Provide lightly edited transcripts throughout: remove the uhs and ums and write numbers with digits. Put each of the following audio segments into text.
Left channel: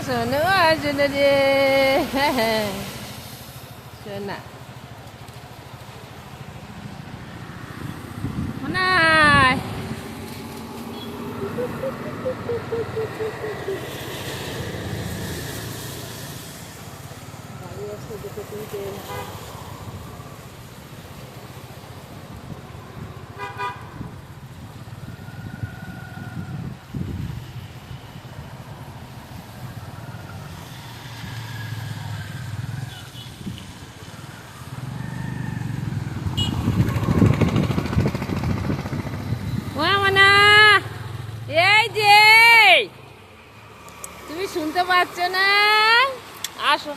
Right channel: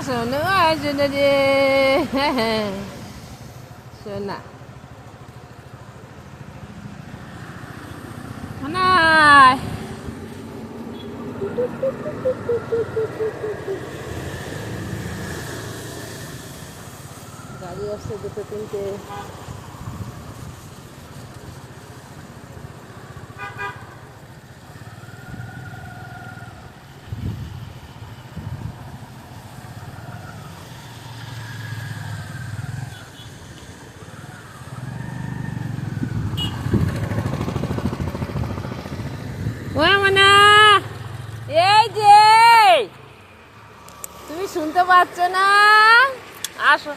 শোনো শোনো রে শোনা শোনাই গাড়ি আসছে দুটো তিনটে এই যে তুমি শুনতে পাচ্ছ না আসো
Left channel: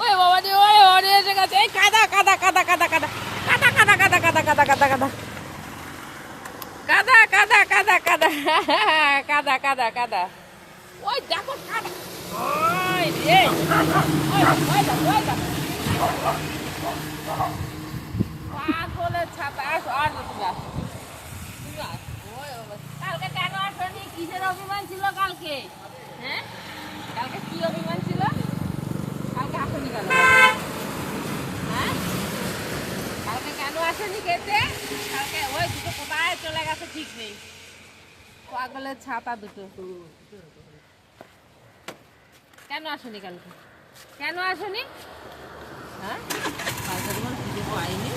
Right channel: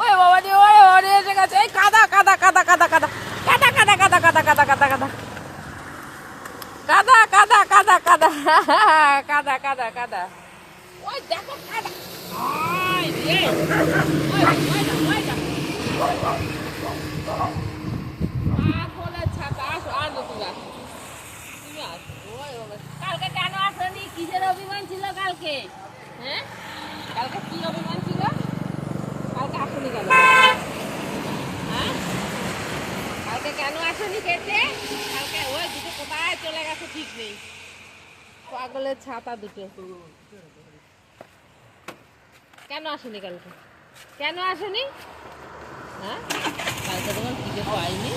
ওই বাবা রে ওই ওরে এসে গেছে এই কাদা কাদা কাদা কাদা কাদা কাদা কাদা কাদা কাদা কাদা কাদা কাদা কাদা কাদা কাদা কাদা কাদা কাদা কাদা ওই দেখো কাদা ওই রে আসলে ছাতা আসো আর তুমি আসো কালকে কেন আসনি কিসের অভিমান ছিল কালকে হ্যাঁ কালকে কি অভিমান ছিল কালকে আসনি কেন হ্যাঁ কালকে কেন আসনি খেতে কালকে ওই দুটো কোথায় চলে গেছে ঠিক নেই পাগলের ছাতা দুটো কেন আসনি কালকে কেন আসনি হ্যাঁ কালকে তোমার পিঠে পাইনি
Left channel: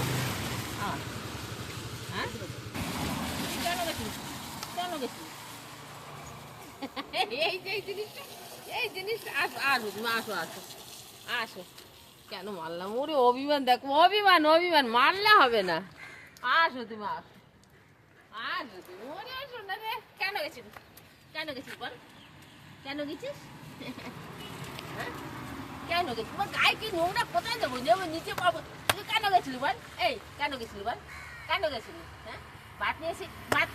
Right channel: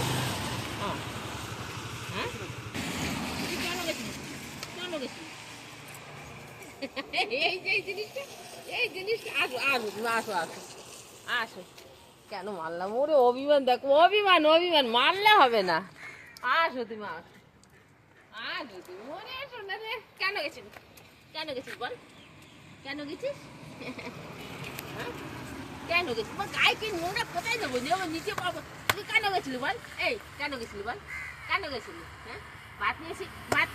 হ্যাঁ এই জিনিসটা আসো আসো তুমি আসো আসো আসো কেন মারলাম ওরে অভিমান দেখো অভিমান অভিমান মারলে হবে না আসো তুমি আসো আসো তুমি ওরে শোনা রে কেন গেছিস বল কেন গেছিস কেন গেছিস তোমার গায়ে কি নোংরা কোথায় যাবো যাবো নিচে তুই কেন গেছিলি বল এই কেন গেছিলি বল কেন গেছিলি হ্যাঁ ভাত নিয়েছি ভাত